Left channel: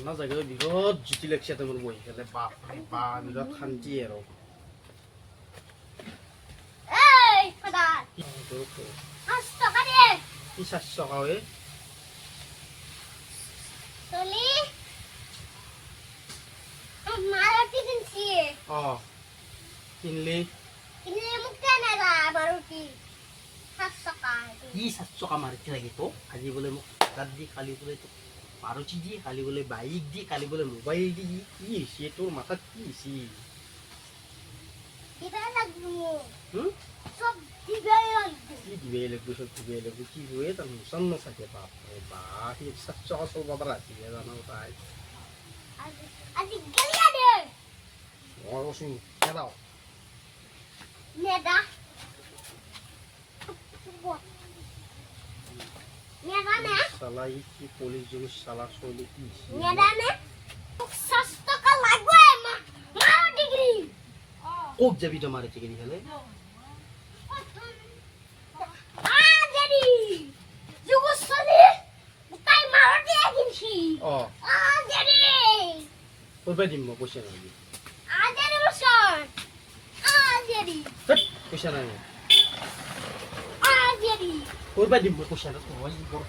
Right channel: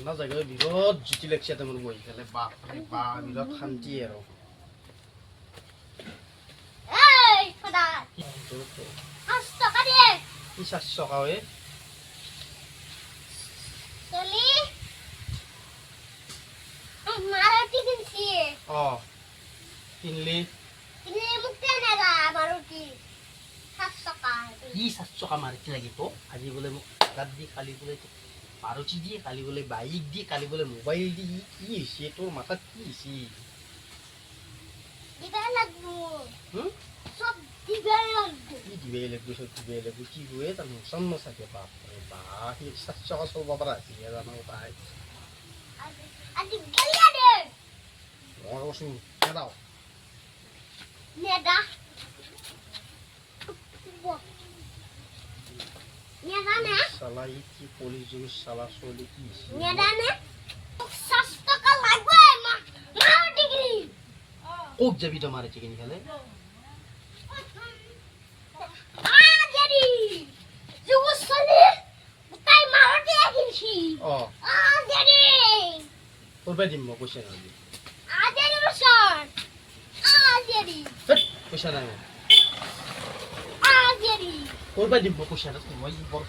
ঠাণ্ডা জায়গায় বিরাট জুতি লাগছে তেমন বই ফেলে বাপরে বা বিরাট শান্তি আৰু এই খোদা 5 টাকা দে কি 400 টাকা হয় চলি মারুতি কিনছি কিনলি মোক কেনে দা মারুতি 7 টাকা কি 700 টাকা মারুতি লাগিব আজি বলে মোক টাকা দি খালি বলে মারুতি দিয়ে খালি বলে বাইক দিয়ে খালি বলে মোবাইল দি কি হইছে তোর মাথা কি হইছে দিবা লাগবো সব কি দিবে লাগবো সব দিবে লাগবো কি হয়ে তার মোশন নসাকে বাপরে বা কি 700 টাকা চলবা পারা আছে জানো তাই আজি গলিয়া দে মই ওসু কেদাও নেদা নেদা না শালা কি পুলিশ যোগ শালা চলি কি নেদা না 7 টাকা লাগবে মারুতি কিনি ওক যাবি তো মারুতি কিনি খেলে আজেরি যুগো চলি তাই মারুতি কিনছি আজেরি করবে দিম মই পয়সা নাই আজেরি বসন আজেরি পয়সা নাই আজেরি করবে দিম মই পয়সা না তুই বড়